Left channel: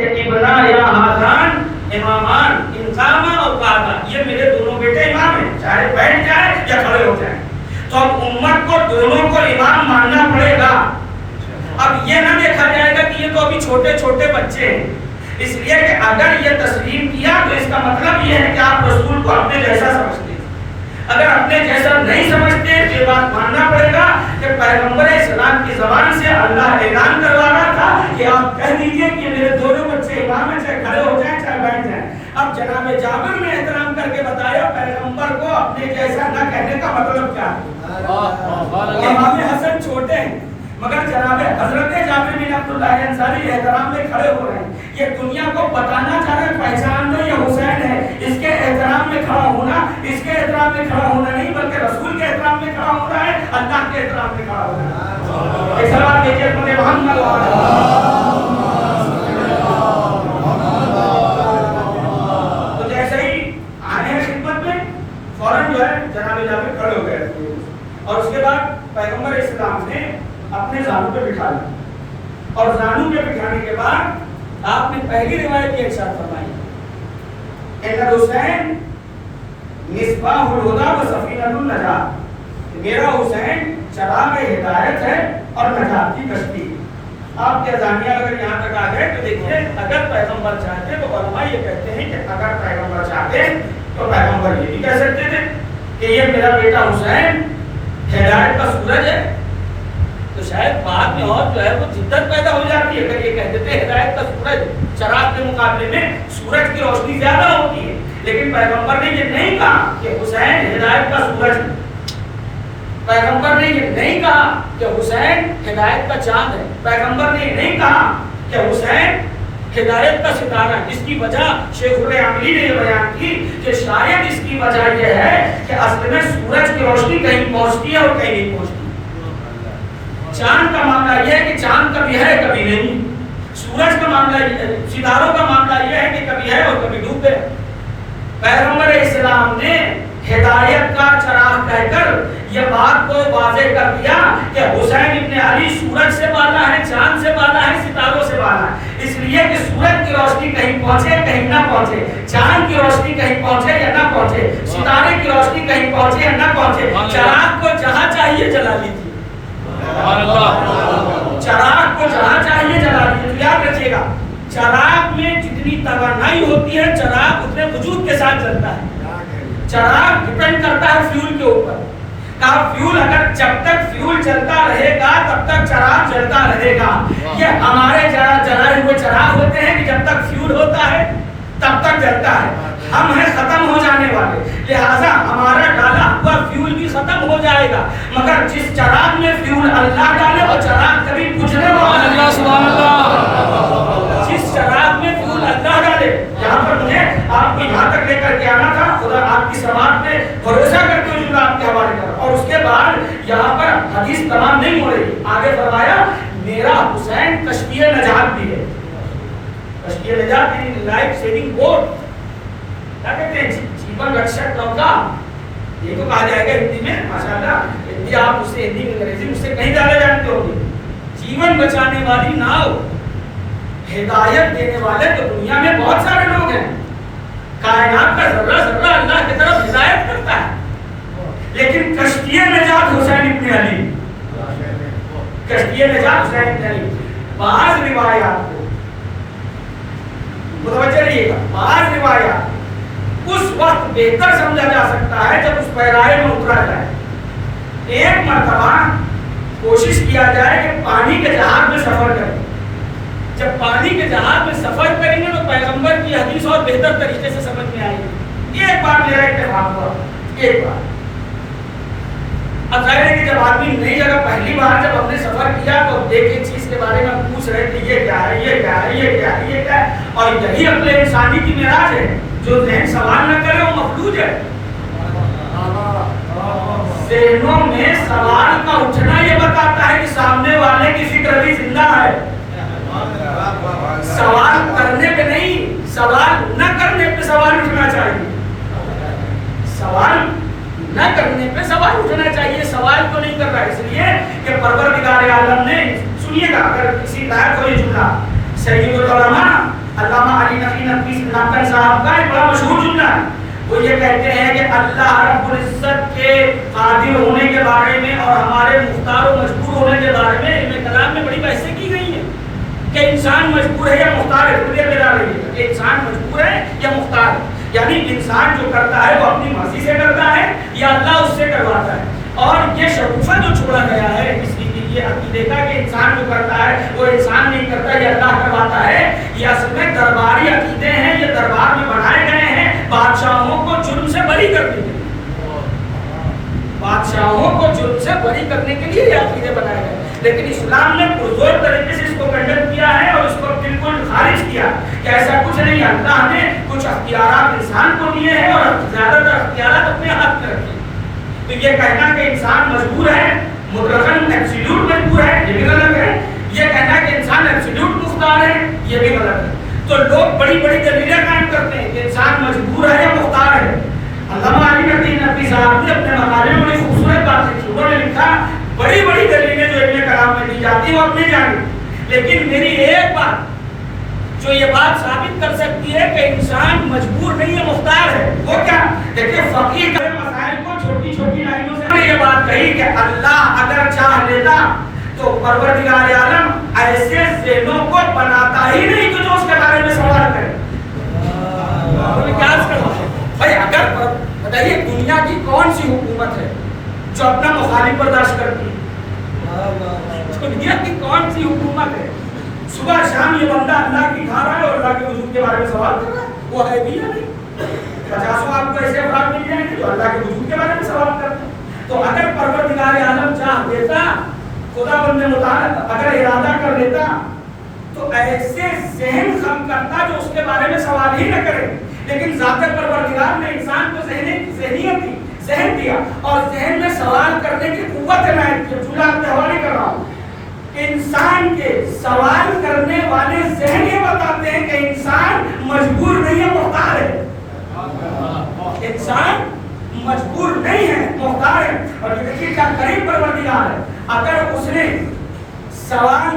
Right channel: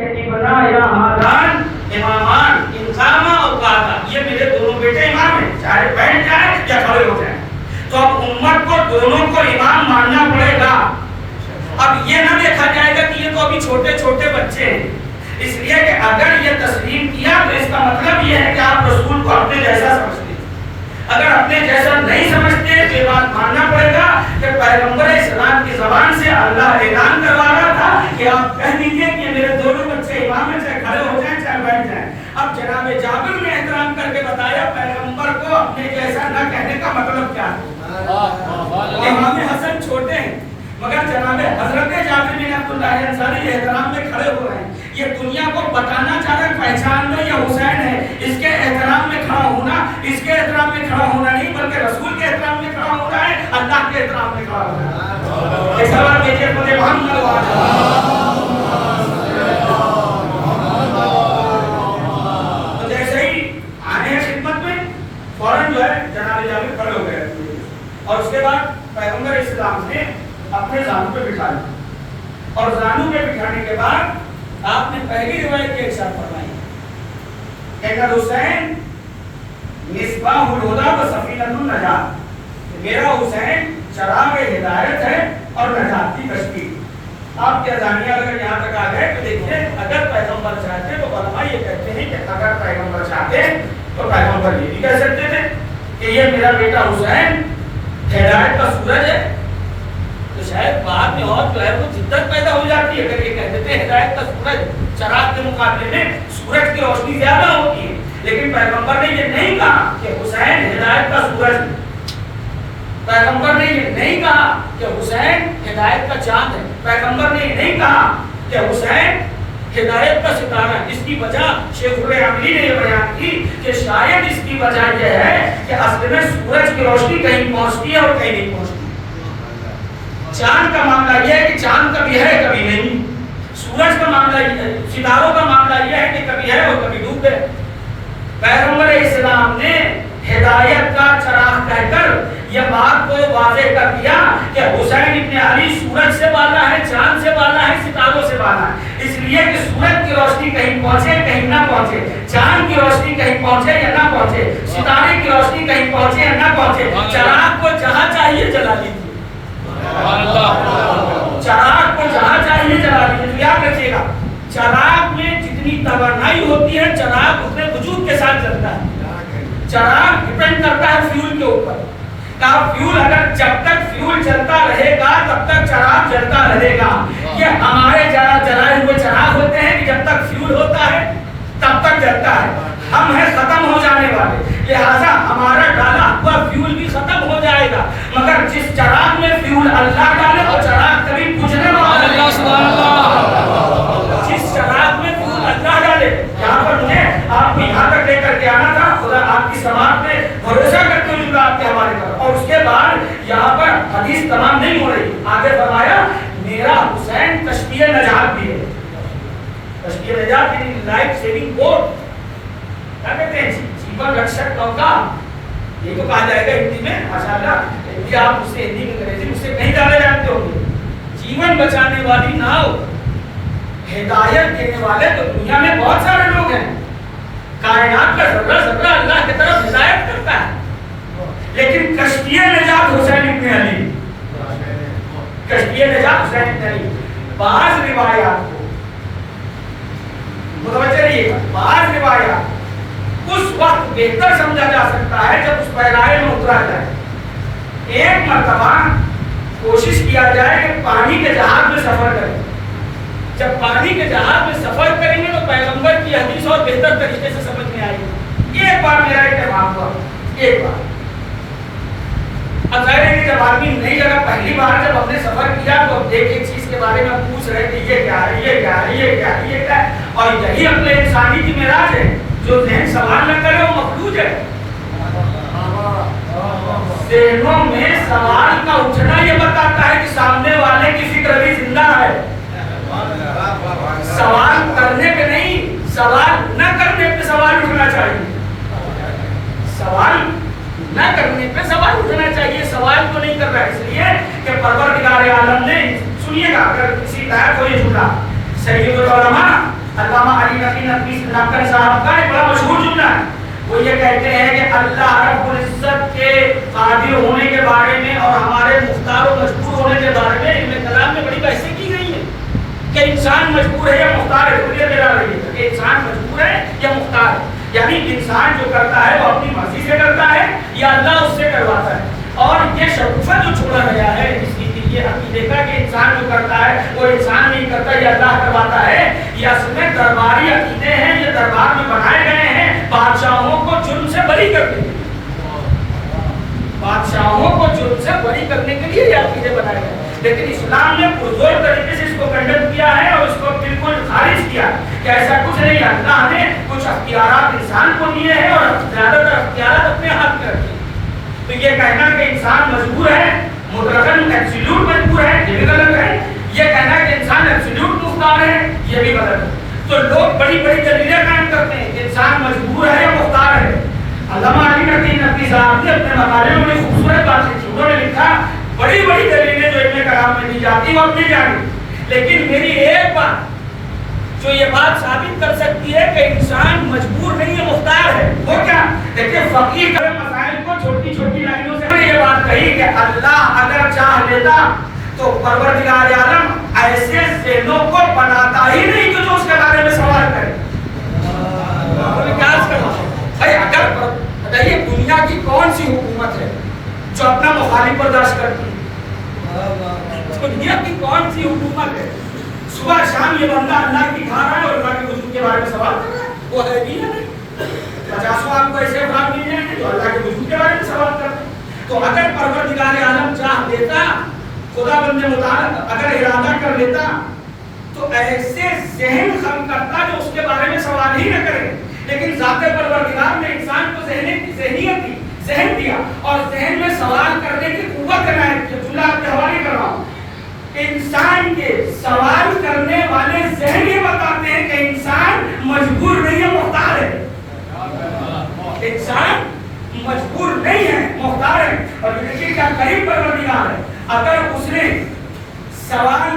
کہ ابنا یا حاضران امامان انقامہ اور قاعدہ، یہ میرے دونوں بیٹے امام ہیں، چاہے بیٹھ جائے یا کھڑے ہو جائیں۔ تو اب امت کو دونوں کو امام ماننا پڑے گا۔ اب یہ نہ دیکھا جائے گا کہ یہ تو ابھی چھوٹے چھوٹے بچے ہیں، اس لیے کہ اگر یہ تسلیم کیا تو اس کا مطلب یہ ہے کہ آپ رسول کو اپنے جیسا سمجھتے ہیں۔ اگر اپنے جیسا نہیں سمجھتے تو یہ بات ماننا پڑے گا کہ پیغمبر اسلام کی زبان سے اللہ اعلان کروا رہا تھا کہ آپ کہہ دیجئے کہ میرے دونوں بچے امام ہیں، چاہے کھڑے ہو جائیں چاہے بیٹھ جائیں۔ اب جناب جابر نے احترام کر کے بتایا پیغمبر کو اپنے جیسا نہ کہنے کا مطلب کیا ہے۔ امام حسن چھوٹے ہیں مگر جناب حضرت جابر بن عبداللہ انصاری احترام میں کھڑے ہو رہے ہیں۔ یہ دنیا کو بتانا چاہ رہے ہیں پہچان لو یہ حسین ہے، اس کے احترام میں کھڑا ہونا، اس کے احترام میں کھڑا ہونا نہیں بلکہ رسول کے احترام میں کھڑا ہونا ہے، اللہ کے احترام میں کھڑا ہونا ہے۔ ایک سوال دیجیے مجھے محمد تو جیسے ہی آنے ہیں خدمت میں فوراً جو ہے جناب جابر کھڑے ہو گئے اور اس کے بعد پیغمبر اسلام نے اپنے زانو پہ بٹھا لیا اور زانو پہ بٹھانے کے بعد آپ نے پہلی روایت کے ارشاد فرمائی کہ حسین مصباح الہدی و سفینۃ النجات، میرا حسین چراغ ہدایت ہے اور نجات کی کشتی۔ آپ کیا جانیے اگر یہاں تک آ گئے تو دیکھیں اگر پیغمبر چاہتے تو علماء یہ کہتے ہیں کہ اگر پیغمبر چاہتے تو پیغمبر یہ بھی کہہ سکتے تھے کہ یہ میرا بیٹا حسین ہدایت کا سورج ہے، تو شاید بعد میں اور جو ہے وہ جدت پیدا ہو جاتی ہے اگر یہ کہتے تھے ہدایت کا سورج چراغ کے مقابلے میں سورج کی روشنی زیادہ ہوتی ہے، لیکن پیغمبر نے یہ نہیں کہا کہ حسین ہدایت کا سورج ہے، پیغمبر نے یہ نہیں کہا کہ حسین ہدایت کا چاند ہے، پیغمبر نے یہ نہیں کہا کہ حسین ہدایت کا ستارہ ہے۔ اس کی وجہ شیخ العاملی نے یہ بیان کی کہ شاید اس کی وجہ یہ ہے کہ اصل میں سورج کی روشنی کہیں پہنچتی ہے اور کہیں نہیں پہنچتی۔ چاند کا معاملہ یہ ہے کہ چاند کبھی ہے کبھی نہیں، سورج کا معاملہ ستاروں کا معاملہ یہ ہے کہ کبھی ہے اور کبھی ڈوب گئے۔ پیغمبر اسلام نے ہدایت کا چراغ کہہ کر یہ بات کو واضح کر دیا کہ حسین ابن علی سورج سے بالا ہے، چاند سے بالا ہے، ستاروں سے بالا ہے، اس لیے کہ سورج کی روشنی کہیں پہنچے کہیں نہ پہنچے، چاند کی روشنی کہیں پہنچے یا نہ پہنچے، ستارے کی روشنی کہیں پہنچے یا نہ پہنچے، چراغ کو جہاں چاہیے جلا لیجیے، چراغ کو جہاں چاہیے جلا لیجیے۔ یاد رکھیے گا چراغ میں جتنی توانائی ہوتی ہے چراغ اتنے وجود کے ساتھ چلتا ہے۔ چراغ ڈیپینڈ کرتا ہے فیول کے اوپر، فیول اگر جب تک فیول چلتا رہے گا تب تک چراغ جلتا رہے گا۔ یہ ہمارے جلائے ہوئے چراغ ہوتے ہیں کہ جب تک فیول ہوتا ہے تب تک جلتا ہے، ہم ہیں ختم ہو جانے والے، لہٰذا ہمارا ڈالا ہوا فیول بھی ختم ہو جائے گا، مگر جس چراغ میں فیول اللہ ڈالے وہ چراغ کبھی بجھنے والا نہیں۔ سبحان اللہ۔ جس چراغ میں فیول اللہ ڈالے، یہاں پر مجھے آپ کو یہاں تک لے کر کے آنا تھا، خدا آپ کی سماعت پہ بھروسہ کرتے ہوئے آپ کے حوالے کر، اور اس کے بعد یہاں پر حدیث تمام نہیں ہو رہی، آگے فرمایا میرا حسین کشتی نجات بھی ہے۔ کشتی نجات یعنی لائف سیونگ بوٹ، کیا کہتے ہیں جیون رکشک نوکا، یہ تو کہا جائے گا ہندی میں، ماشاءاللہ ہندی آپ اس سے ہندی انگریزی اس سے کہیں زیادہ جانتے ہوں گے۔ جیون بچانے والی ناؤ، ہدایت دینے والے تو دنیا میں بہت سارے لوگ ہیں، کائنات کا ذرہ ذرہ اللہ کی طرف ہدایت کرتا ہے، لیکن کشتی نجات حسین ابن علی، کشتی نجات حسین ابن علی۔ بعض روایات کو متوجہ رہیے گا، بعض روایات اس وقت بہتر سمجھا جا سکتا ہے جب اس پیرائے میں اترا جائے۔ ایک مرتبہ کوشش کیا جائے کہ پانی کے جہاز میں سفر کریں، جب پانی کے جہاز میں سفر کریں گے تو پیغمبر کی حدیث اور بہتر طریقے سے سمجھ میں آئے گی۔ ایک بار میرا اتفاق ہوا، ایک بار۔ اب ظاہر ہے کہ جب آدمی نئی جگہ پہلی بار جب ہم نے سفر کیا تو دیکھ ایک چیز کے بارے میں پوچھ رہے کہ یہ کیا ہے، یہ کیا ہے، یہ کیا ہے، یہ کیا ہے، اور یہی اپنے انسانی کی معراج ہے، جو ذہن سوال نہ کرے وہ مفلوج ہے۔ ذہنوں میں سوال کا اٹھنا یہ بتاتا ہے کہ سامنے والے کی فکر بھی زندہ ہے۔ سوال کرنے پہ نہیں، سوال نہ کرنے پہ سوال اٹھنا چاہیے، سوال نہ کرنے پہ سوال اٹھنا چاہیے، سوال تو نہیں کر رہا ہے، اس لیے کہ پروردگار عالم نے، سنیے گا اگر کسی لائق کوئی جملہ، سید العلماء نقی نقی نقل صاحب کا ایک بڑا مشہور جملہ ہے. وہ یہ کہتے ہیں کہ اللہ رب العزت کے قادر ہونے کے بارے میں اور ہمارے مختار و مجبور ہونے کے بارے میں علم کلام میں بڑی بحثیں کی گئی ہیں کہ انسان مجبور ہے یا مختار ہے. تھوڑی دیر بیدار رہیے کہ انسان مجبور ہے یا مختار ہے. یعنی انسان جو کرتا ہے وہ اپنی مرضی سے کرتا ہے یا اللہ اس سے کرواتا ہے. اور یہ شگوفہ جو چھوڑا گیا ہے اس کی یہ عقیدے کا کہ انسان جو کرتا ہے وہ انسان نہیں کرتا یہ اللہ کرواتا ہے، یہ اصل میں درباری عقیدے ہیں. یہ دربار میں بنائے گئے ہیں بادشاہوں کو جرم سے بری کرنے کے لیے. بادشاہوں کو جرم سے بری کرنے کے لیے یہ عقیدے بنائے گئے. لیکن اسلام نے پرزور طریقے سے اس کو کنڈم کیا ہے اور اس کو بالکل خارج کیا کہ ایسا کچھ نہیں. اللہ نے کچھ اختیارات انسان کو دیے ہیں اور زیادہ تر اختیارات اپنے ہاتھ میں رکھے. تو یہ کہنا کہ انسان مجبور ہے، مطلقاً ایبسولوٹ مجبور ہے، یہ بھی غلط ہے. یہ کہنا کہ انسان ایبسولوٹ مختار ہے، یہ بھی غلط ہے. تو لوگ بڑی بڑی دلیلیں قائم کرتے ہیں کہ انسان مجبور ہے یا مختار ہے. علامہ علی نقی نقوی صاحب نے اپنے مقالے میں بڑی خوبصورت بات لکھی. انہوں نے لکھا بڑی بڑی دلیلیں جو علم کلام میں دی جاتی ہیں وہ اپنی جانی، لیکن میری ایک بات جو یہ بات ثابت کر سکتی ہے کہ انسان مجبور نہیں ہے، مختار ہے. وہ کیا؟ دیکھیں فقیر کے مسائل کو چھوٹی چھوٹی لائنوں سے یہ بات کہی کہ اللہ اگر چاہ لیتا تو پروردگار عالم ایسے ذہنوں کو بناتا ہی نہیں کہ جو اس کے بارے میں سوال کرے. بھائی اگر بتائیے دنیا کی کون سی حکومت ہے جو اپنا مخالف برداشت کرتی ہے؟ دنیا کی کون سی حکومت ہے؟ صبح شام یہ بندہ اللہ کی کھا رہا ہے اور اللہ کے وجود کے بارے میں سوال کر رہا ہے. وہ ہے بھی نہیں. 50 آپ کو ایسے افراد مل جائیں گے جو اللہ کے وجود کے بارے میں سوال کرتے ہیں. تو اگر پروردگار عالم چاہ دیتا، خدا بند مطالعہ اگر ارادہ کر لیتا تو ایسے ذہن خلق کرتا جو اس کے بارے میں سوال ہی نہ کرے. لیکن ذات پروردگار نے انسان کو ذہنیت دی، ذہن دیا اور ذہن میں سوال کرنے کی قوت عنایت کی. جملہ آپ کے حوالے کر رہا ہوں. انسان کے سوال کرنے والے ذہن یہ بتاتے ہیں کہ انسان مجبور نہیں ہے، مختار ہے. انسان مجبور نہیں ہے، مختار ہے. اور دیکھیے کیا قریب پروردگار ہے. اگر اس نے سوال